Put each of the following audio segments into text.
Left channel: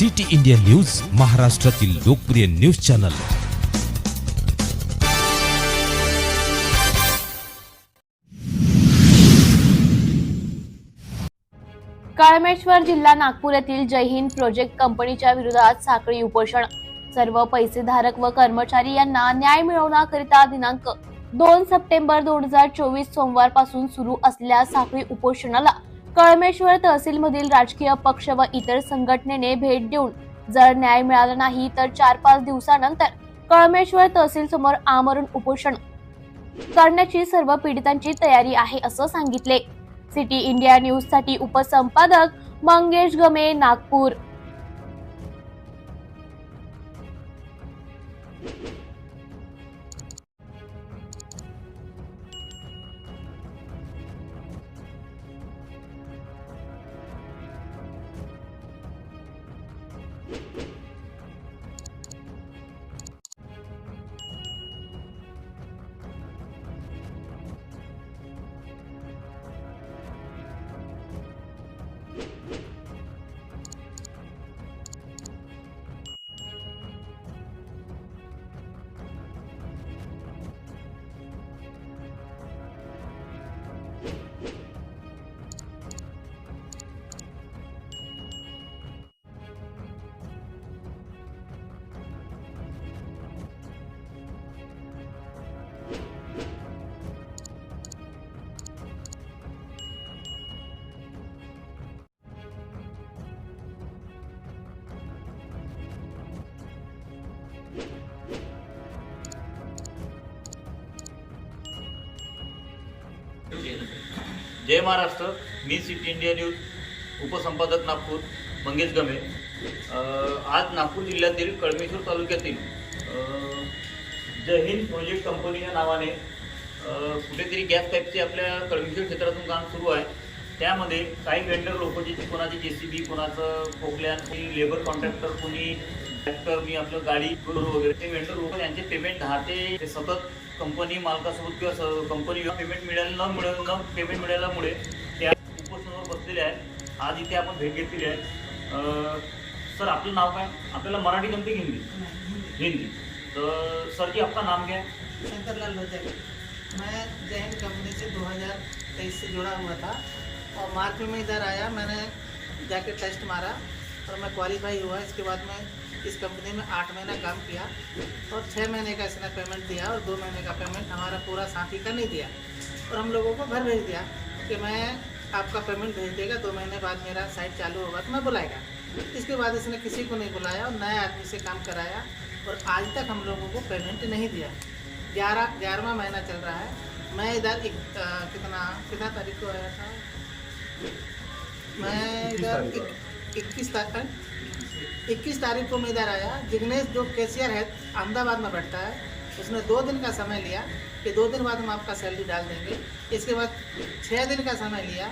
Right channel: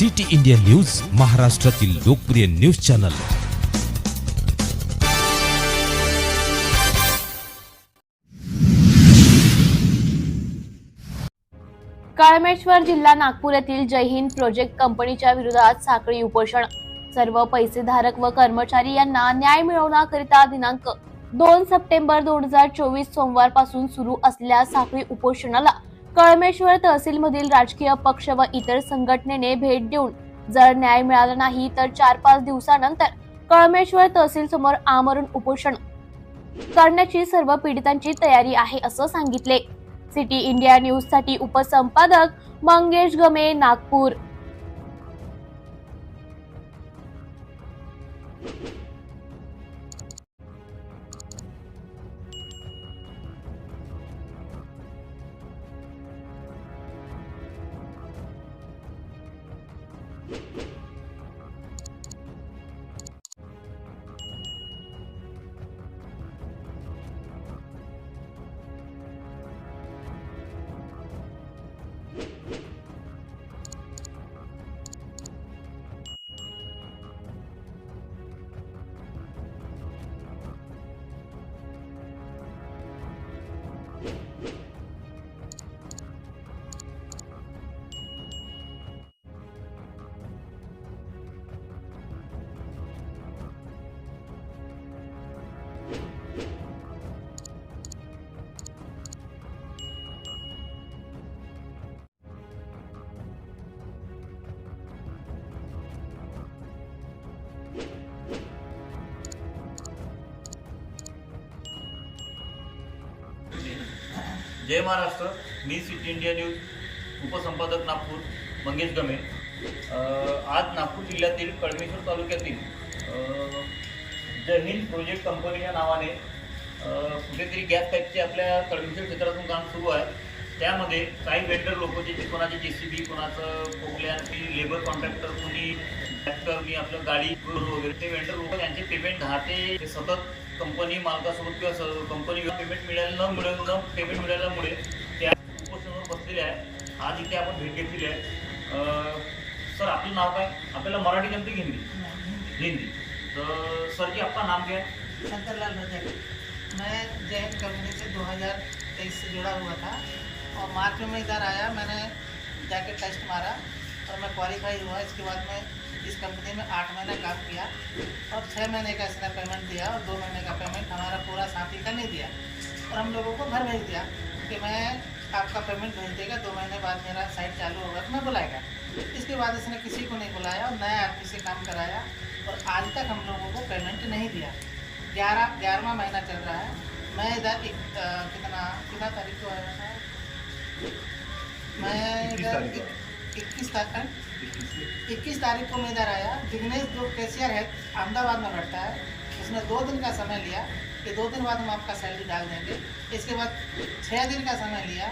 City India news महाराष्ट्रातील लोकप्रिय news channel. काळमेश्वर जिल्हा नागपूर येथील जय हिंद प्रोजेक्ट कंपनीच्या विरोधात साखळी उपोषण. सर्व पैसेधारक व कर्मचारी यांना न्याय मिळवण्याकरिता दिनांक दोन सप्टेंबर दोन हजार चोवीस सोमवारपासून सुरू असलेल्या साखळी उपोषणाला कळमेश्वर तहसीलमधील राजकीय पक्ष व इतर संघटनेने भेट देऊन जर न्याय मिळाला नाही तर चार पाच दिवसानंतर कळमेश्वर तहसील समोर आमरण उपोषण करण्याची सर्व पीडितांची तयारी आहे असं सांगितले. सिटी इंडिया न्यूजसाठी उपसंपादक मंगेश गमे नागपूर. जय महाराष्ट्र. मी सिटी इंडिया न्यूज उपसंपादक नागपूर मंगेश गमे. आज नागपूर जिल्ह्यातील कळमेश्वर तालुक्यातील अ, जय हिंद प्रोजेक्ट कंपनी या नावाने कुठेतरी गॅस टाईपचे आपल्या कळमेश्वर क्षेत्रातून काम सुरू आहे. त्यामध्ये काही वेंडर लोक जे कोणाचे जे सी बी कोणाचं पोकल्यान कोणी लेबर कॉन्ट्रॅक्टर कोणी ट्रॅक्टर मी आपलं गाडी वगैरे ते वेंडर लोक यांचे पेमेंट दहा ते सतत कंपनी मालकासोबत किंवा कंपनी पेमेंट मिळालं न न पेमेंट मिळाल्यामुळे ते आज उपोषणावर बसलेले आहे आज इथे आपण भेट घेतलेली आहे. सर, आपलं नाव काय? आपल्याला मराठी जमते की हिंदी. हिंदी. तर सर जी आपका नाम क्या है शंकरलाल रजक. मैं जैन कंपनी से 2023 से जुड़ा हुआ था और मार्च में मैं इधर आया, मैंने जाके टेस्ट मारा। और मैं क्वालिफाई हुआ इसके बाद मैं इस कंपनी में आठ महीना काम किया और छः महीने का इसने पेमेंट दिया और दो महीने का पेमेंट हमारा पूरा साथी का नहीं दिया और हम लोगों को घर भेज दिया कि मैं आपका पेमेंट भेज देगा दो महीने बाद मेरा साइट चालू होगा तो मैं बुलाएगा। इसके बाद इसने किसी को नहीं बुलाया और नए आदमी से काम कराया और आज तक हम लोगों को पेमेंट नहीं दिया। ग्यारह ग्यारहवा महीना चल रहा है। मैं इधर एक, कितना कितना तारीख को आया था? मैं इधर इक्कीस तारीख इक्कीस तारीख को मैं इधर आया। जिग्नेश जो कैशियर है अहमदाबाद में बैठता है उसने दो दिन का समय लिया कि दो दिन बाद हम आपका सैलरी डाल देंगे। इसके बाद छः दिन का समय लिया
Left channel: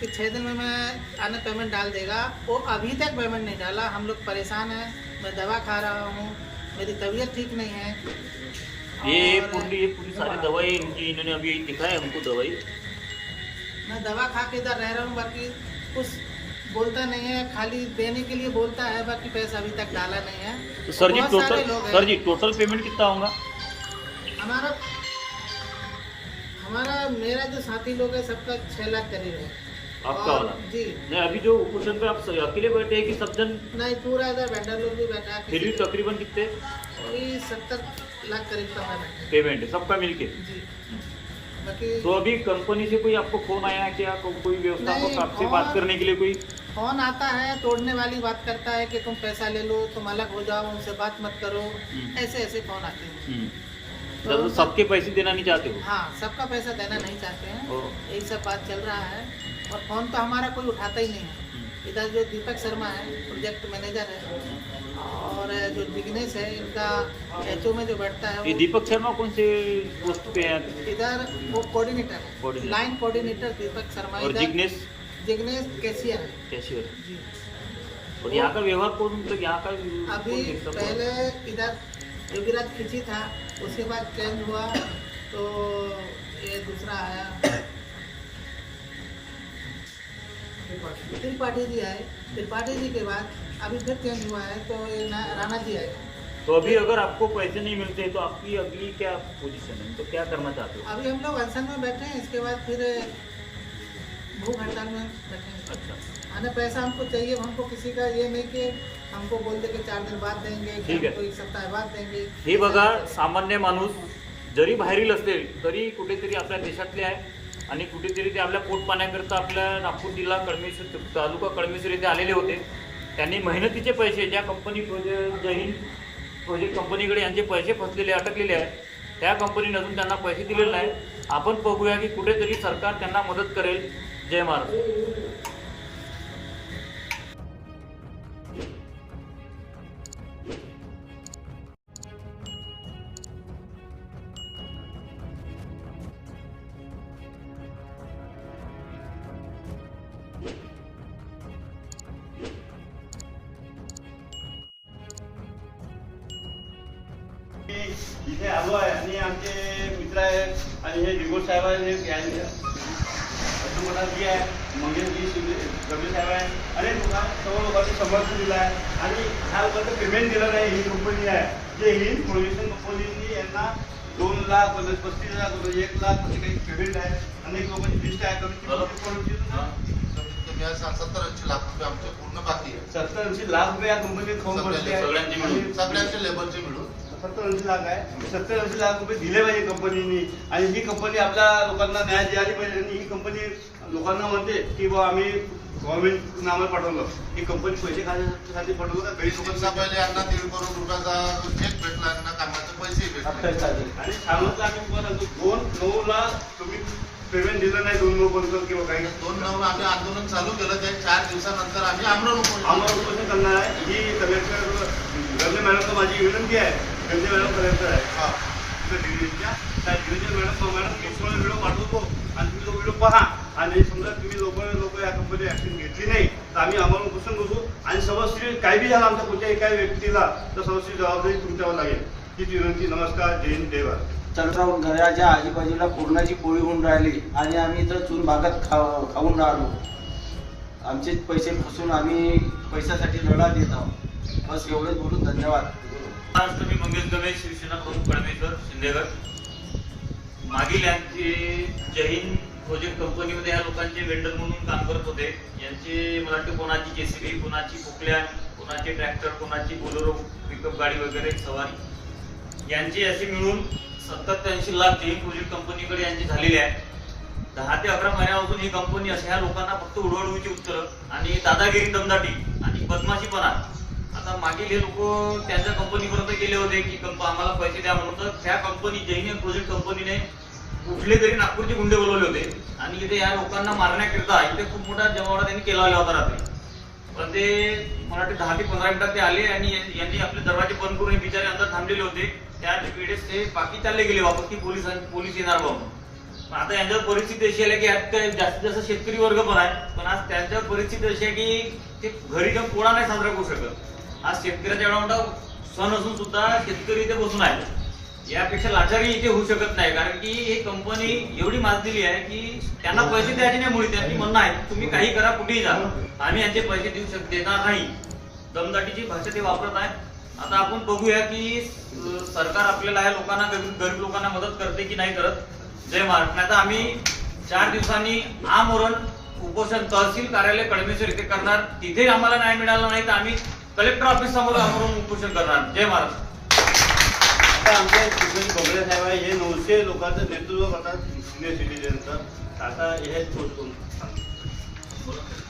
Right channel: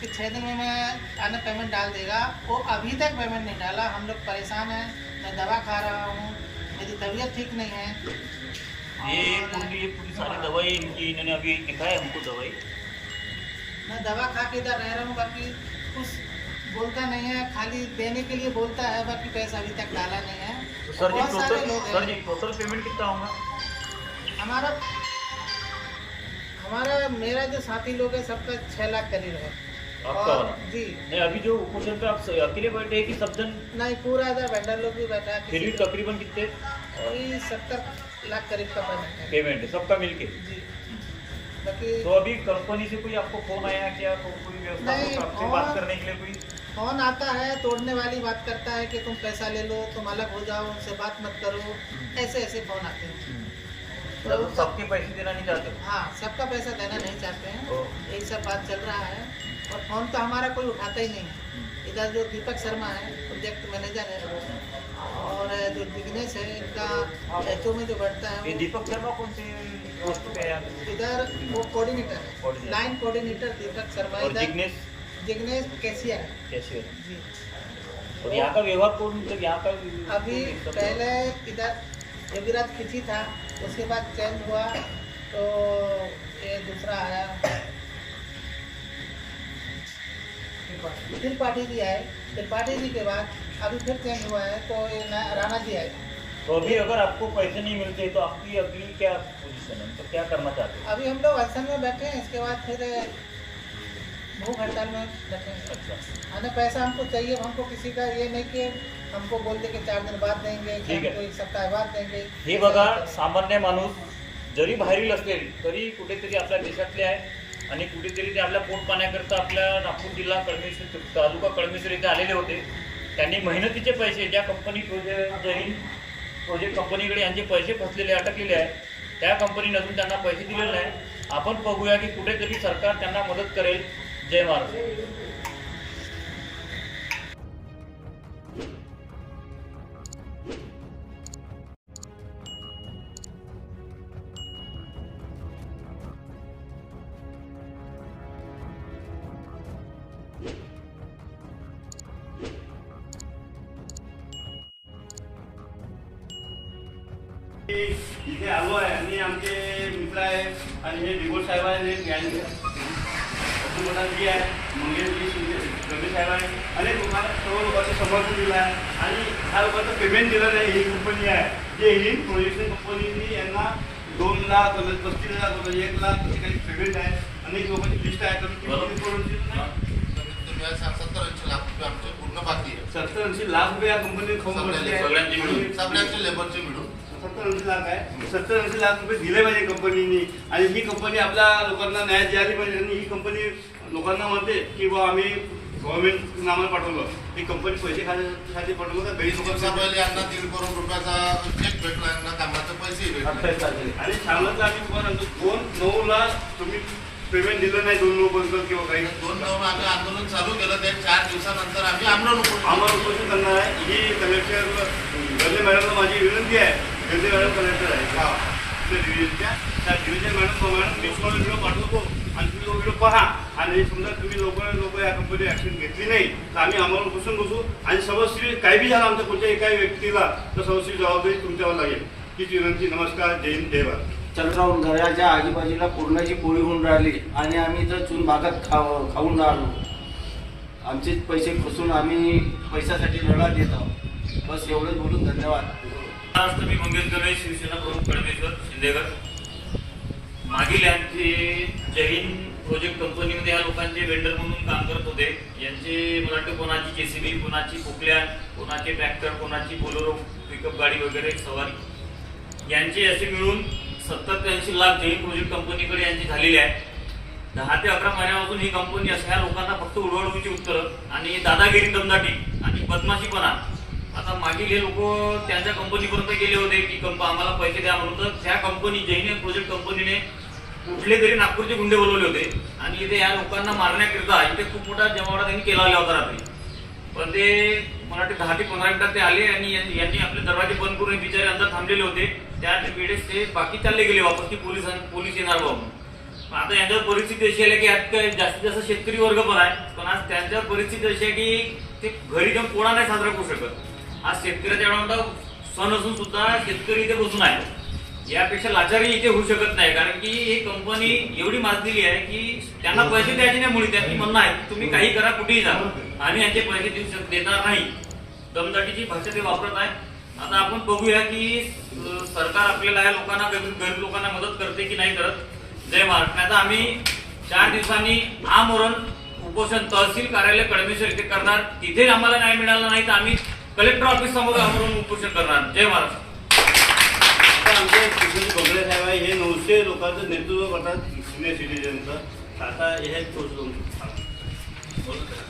कि छः दिन में मैं आने पेमेंट डाल देगा। वो अभी तक पेमेंट नहीं डाला। हम लोग परेशान हैं। मैं दवा खा रहा हूँ। मेरी तबीयत ठीक नहीं है। ये पूरी सारी दवाई इनकी इन्होंने अभी दिखाया हमको दवाई। मैं दवा खा के इधर रह रहा हूँ बाकी कुछ बोलता नहीं है खाली देने के लिए बोलता है बाकी पैसा अभी तक डाला नहीं है। तो sir ji total sir ji total payment कितना होगा? हमारा हमारा मेरा जो साथी लोग है सबका छः लाख करीब है। आपका वाला? जी। नहीं अभी जो उपोषण पे आप अकेले बैठे हैं कि सब जन? नहीं पूरा इधर वेंडर लोग भी बैठा है फिर भी तकरीबन कितने? सत्तर लाख करीब का पेमेंट है। पेमेंट है सबका मिलके? जी। बाकी तो अभी कंपनी से कोई आपको फ़ोन आया क्या? कोई व्यवस्था आपसे बात करने के लिए कोई? फ़ोन आता है तोड़ने वाली बात करता है कि तुम पैसा ले लो तुम अलग हो जाओ उनसे बात मत करो। हम्म। ऐसे ऐसे फ़ोन आते हैं? हम्म। तो तो सबके पैसे देना नहीं चाहते हो? हाँ सबका पैसा देना नहीं चाहते हैं। यही सब बात चल रहा है। और फ़ोन तो हमारा कोई उठाता ही नहीं है। हम्म। इधर जो दीपक शर्मा है प्रोजेक्ट मैनेजर है और जो जिग्नेश है इनका एच में जो बैठता है ये दीपक शर्मा कौन से पोस्ट पे है? इधर वो कोऑर्डिनेटर है। लाइन कोऑर्डिनेटर दीपक शर्मा इधर। Jignesh cashier cashier ji. और यहाँ का व्यवहार कौन मतलब यहाँ का अभी? पहले इधर योगीराज खिची था उसके बाद चेंज हुआ तो ये दूसरा आया। त्रिपाठी जी है त्रिपाठी जी के बाद अभी फिर चेंज हुआ है तो ये राणा जी आए। तो अभी अगर आपको पैसे नहीं मिलते तो आपकी अगली क्या पोजीशन है? तो क्या करना चाहते हो? अभी हम लोग अनशन में बैठे हैं इसके बाद फिर भूख हड़ताल में अच्छा आने पैसा हमको चाहिए हमको किसी का ये नहीं कि हमको बोल दे कि चार दिन बाद देंगे कि ठीक. हमको एक सप्ताह बाद देंगे। हे बघा सामान्य माणूस जरी बाहेरील असेल तरी कुठेतरी आपल्या देशातले आहे आणि कुठेतरी ते आपल्या पोट पाण्याकरता आपल्या नागपूर जिल्हा कळमेश्वर तालुका कळमेश्वर येथे आलेले होते. त्यांनी मेहनतीचे पैसे ज्या company project Jai Hind project कंपनीकडे यांचे पैसे फसलेले अटकलेले आहे त्या कंपनीने अजून त्यांना पैसे दिलेले नाही आपण बघूया की कुठेतरी सरकार त्यांना मदत करेल. जय महाराज. इथे आलो आहे. आणि आमचे मित्र आहे आणि हे दिगोड साहेब आहे आणि गॅंग असं मोठा जी आहे मंगेशजी शिंदे गंभीर साहेब आहे. आणि लोकांना सर्व लोकांचं समर्थन दिलं आहे. आणि ह्या लोकांचं पेमेंट दिलं नाही ही कंपनी आहे. जे ही प्रोजेक्शन कंपनीनी यांना दोन लाख म्हणजे पस्तीस लाख एक लाख असे काही पेमेंट आहे. अनेक लोकांची लिस्ट आहे. कोणाची सत्तर ऐंशी लाख रुपये आमचे पूर्ण बाकी आहे. सत्तर ऐंशी लाख रुपये या कंपनीत फॉर्म भरले सगळ्यांचे लेबरचे मिळून. सत्तर ऐंशी लाख आहे. सत्तर ऐंशी लाख रुपये दिले पाहिजे कंपनीनी आणि ही कंपनी आपल्या लोकांना न्याय द्यायला पाहिजे. आणि ही कंपनी लोकांना म्हणते की बा आम्ही गव्हर्नमेंट नामाला पाठवलं. ही कंपनी पैसे खाण्यासाठी पाठवलं का? दिवसा लोकांना पहिले यांना दीड करोड रुपयाचा चेक भेटला यांना कामाचे पैसे भेटले. आणि सांगितलं आम्ही तुम्हाला दोन नऊ लाख तुम्ही पेमेंट दिलं नाही दोन लोकांचं किंवा काही. दोन नऊ आम्ही आंदोलन चालू केलं ते चार दिवसानंतर आम्ही आमरण आम्हाला उपोषण करणार आहे. ही कलेक्टर गंजे मॅडमला माझी विनंती आहे. गंजे मॅडम कलेक्टर आहे. हा. डिव्हिजनच्या त्या डिव्हिजन मॅडम मॅडम पाठवतो. आणि तुम्ही तो व्हिडिओ पहा. आणि समजा तुम्ही लोक लोक या कंपनी ऍक्शन घेतली नाही तर आम्ही आम्हाला बसून बसू. आणि सर्वस्वी काही बी झालं आमच्या कुठच्या एका व्यक्तीला तर सर्वस्वी जबाबदारी तुमच्यावर लागेल. हीच विनंती. नमस्कार. जय हिंद. जय भारत. चंद्रावून घराच्या आजूबाजूला पूर्णाची पोळी होऊन राहिली आणि आम्ही इथं चून भागात खा खाऊन राहिलो. आमचे पैसे फसून आम्ही पैशासाठी लढा देत आहोत. बस एवढंच बोलून धन्यवाद. आज तुम्ही मंगेश गणेश शिवसेना प्रमुख परमेश्वर शिंदेगड. मागील यांचे हिंद प्रोजेक्ट कंपनीमध्ये या लोकांचे वेंडर म्हणून काम करत होते. यांचे मला वाटतं कोणाची जेसीबी कोणाची खोकल्या कोणाचे ट्रॅक्टर कोणाची बोलेरो पिकअप गाडी वगैरे सवारी. यांचे असे मिळून सत्तर ते ऐंशी लाख जय प्रोजेक्ट कंपनीकडे यांची झालेली आहे. दहा ते अकरा महिन्यापासून ही कंपनी अशा लोकांना फक्त उडवडवीची उत्तरं आणि दादागिरी दमदाटी आणि बदमाशीपणा. आता मागील हे लोक त्यांच्या कंपनीपर्यंत गेले होते की कंप आम्हाला पैसे द्या म्हणून. तर त्या कंपनी जैन प्रोजेक्ट कंपनीने कुठले तरी नागपूरचे गुंडे बोलवले होते. आणि इथे या लोकांना मारण्याकरिता इथे खूप मोठा जमावडा त्यांनी केला होता रात्री. पण ते मला वाटते दहा ते पंधरा मिनिटात ते आले आणि यां- यांनी आपले दरवाजे बंद करून बिचारे अंदर थांबलेले होते. त्या वेळेस ते बाकी चालले गेले वापस की पोलिसां पोलीस येणार बाबा आता यांच्यावर परिस्थिती अशी आली की आज जास्तीत जास्त शेतकरी वर्ग पण आहे. पण आज त्यांच्यावर परिस्थिती अशी आहे की ते घरी जाऊन कोणा नाही साजरा करू शकत. आज शेतकऱ्याचा एवढा मोठा सण असून सुद्धा शेतकरी इथे बसून आहे यापेक्षा लाचारी इथे होऊ शकत नाही. कारण की ही कंपनी एवढी माजलेली आहे की त्यांना पैसे द्यायचे नाही मुळे त्यांनी म्हणणं आहे तुम्ही काही करा कुठेही जा. आम्ही यांचे पैसे देऊ शक देणार नाही. दमदाटीची भाषा ते वापरत आहे. आता आपण बघूया की सरकार आपल्याला या लोकांना गरीब गरीब लोकांना मदत करते की नाही करत. जय महाराष्ट्र. नाही तर आम्ही चार दिवसांनी आमरण उपोषण तहसील कार्यालय कडमेश्वर इथे करणार. तिथे आम्हाला न्याय मिळाला नाही तर आम्ही कलेक्टर ऑफिस समोर आमरण उपोषण करणार. जय महाराष्ट्र. आता आमच्या कृष्णाजी बगळे साहेब आहे हे नऊशे लोकांचं नेतृत्व करतात सिनियर सिटीजनचं आता हे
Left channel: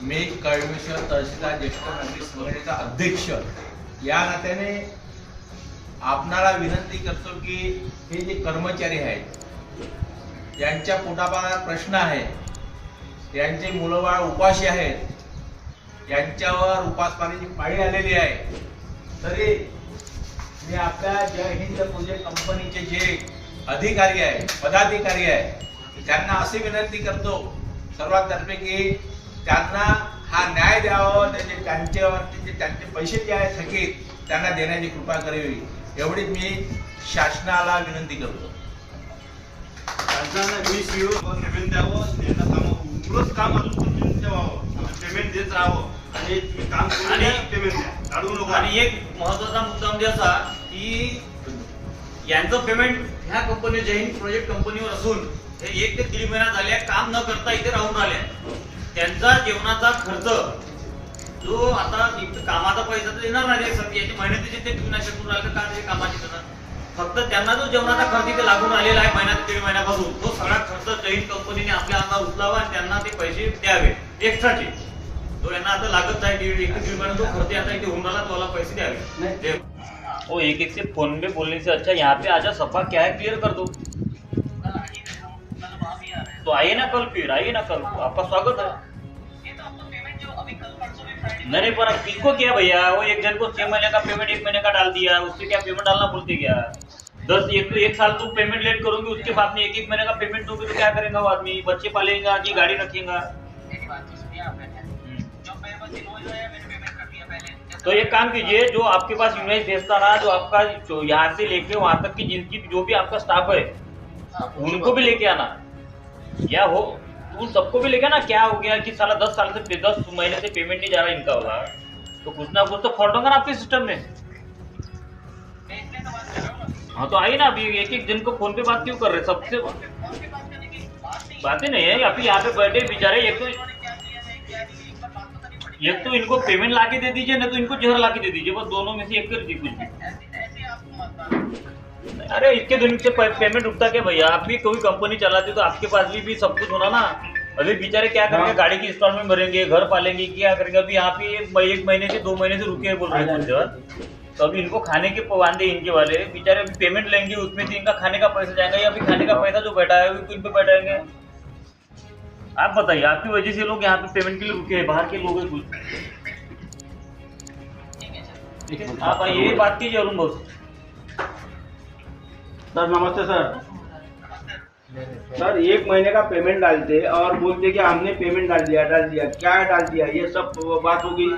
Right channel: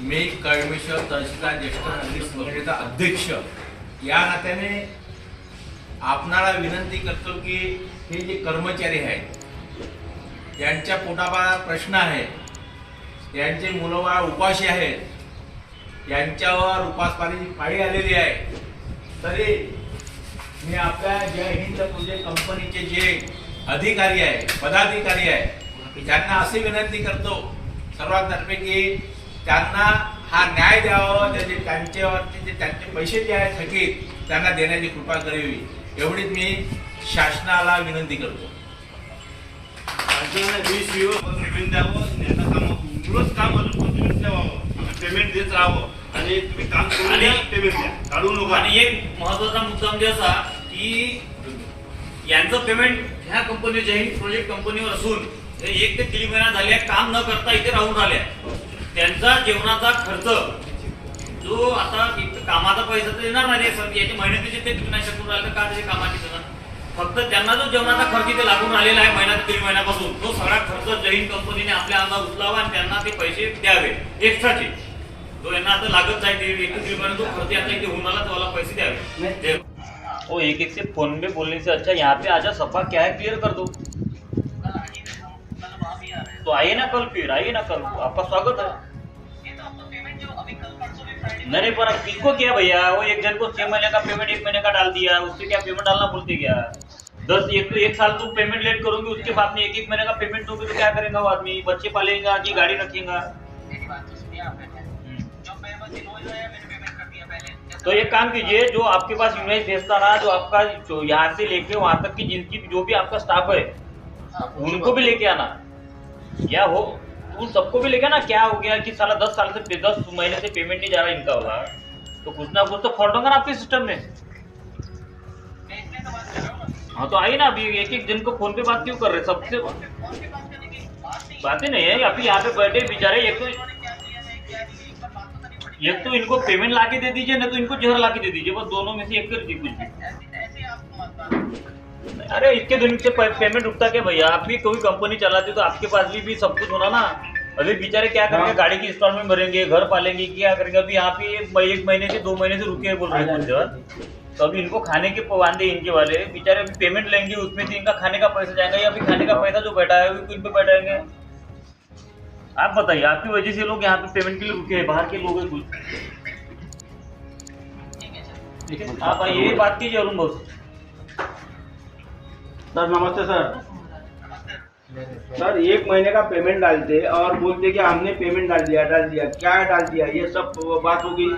मी कळमेश्वर तहसीलदार ज्येष्ठ नागरिक संघटनेचा अध्यक्ष. या नात्याने आपणाला विनंती करतो की हे जे कर्मचारी आहेत यांच्या पोटापाला प्रश्न आहे यांचे मुलंबाळ उपाशी आहेत यांच्यावर उपासमारीची पाळी आलेली आहे. तरी मी आपल्या जय हिंद म्हणजे कंपनीचे जे अधिकारी आहे पदाधिकारी आहे त्यांना अशी विनंती करतो सर्वांतर्फे की त्यांना हा न्याय द्यावा त्याचे त्यांच्यावरती जे त्यांचे पैसे जे आहेत थकीत त्यांना देण्याची कृपा करावी. एवढीच मी शासनाला विनंती करतो. शासनाने वीस सीओ पेमेंट द्यावं त्यांना काम काम अजून ठेवावं पेमेंट देत राहावं. आणि तुम्ही काम करून आणि- पेमेंट द्या. काढू नका. आणि एक महत्त्वाचा मुद्दा म्हणजे असा की यांचं पेमेंट ह्या कंपनी जैन प्रोजेक्ट कंपनीवर असून एक ते दीड महिना झाले काम न करता इथे राहून राहिले त्यांचा जेवणाचा खर्च जो आता एक तर कामाचा पैसा तर येणार नाही सर. याच्या मेहनतीचे ते नाही शकून राहिले तर का त्याचे कामाचे त्याचं फक्त त्यांना जो जेवणाचा खर्च इथे लागून राहिलेला आहे महिन्यात दीड महिन्यापासून तो सगळा खर्च जैन कंपनीने आपल्या अंगावर उचलावा आणि त्यांना ते पैसे द्यावे एक्स्ट्राचे जो यांना आता लागत नाही एक ते दीड महिना जो खर्च आता इथे होऊन राहिला वाला पैसे द्यावे. एक एक से फ़ोन में बोलने से अच्छा यहाँ पे आजा सफ़ा क्या है क्लियर कर दो. तो आइए ना कल फिर आइए ना कल आपका स्वागत है. नहीं नहीं पर अब किसको किया भैया? वो एक जन को छह महीने का पेमेंट एक महीने का डाल दिया उससे क्या पेमेंट डालना बोलते क्या? दस एक एक साल तुम पेमेंट लेट करोगे उसके बाद में एक एक महीने का पेमेंट दोगे तो क्या करेगा वो आदमी? बच्चे पालेगा कि गाड़ी रखेगा? तो एक काम कीजिए, जो आपके पास इमेज भेजता ना जो आपका जो यहाँ से लेके वहाँ तक की जिनकी जो भी आपका स्टाफ है, उनको भी लेके आना। या हो, उन सबको भी लेके आना। क्या हो गया कि साला दस साल से दस महीने से पेमेंट नहीं जा रहा इनका होगा तो कुछ ना कुछ तो फॉल्ट होगा ना आपके सिस्टम में। हाँ तो आइए ना अभी एक एक जन को फ़ोन पे बात क्यों कर रहे सबसे बातें नहीं है, अभी यहाँ पे बैठे बेचारे एक तो एक तो इनको पेमेंट लाके दे दीजिए ना तो इनको जहर लाके दे दीजिए। बस दोनों में से एक कर दीजिए कुछ भी अरे इतने दिन से पेमेंट रुकता क्या भैया? आप भी कोई कंपनी चलाते तो आपके पास भी, भी सब कुछ होना ना। अभी बेचारे क्या करेंगे? गाड़ी की इंस्टॉलमेंट भरेंगे घर पालेंगे क्या करेंगे? अभी यहाँ पे एक महीने से दो महीने से रुके हैं बोल रहे हैं तो अभी इनको खाने के वांदे इनके वाले बेचारे अभी पेमेंट लेंगे उसमें से इनका खाने का पैसा जाएगा या फिर खाने का पैसा जो बैठा है वो इन पे बैठाएँगे। आप बताइए आपकी वजह से लोग यहाँ पे पेमेंट के लिए रुके हैं बाहर के लोग हैं कुछ? आप ये बात कीजिए अरुण बोस सर नमस्ते सर। सर एक महीने का पेमेंट डालते और बोलते कि हमने पेमेंट डाल दिया डाल दिया क्या डाल दिया? ये सब बात होगी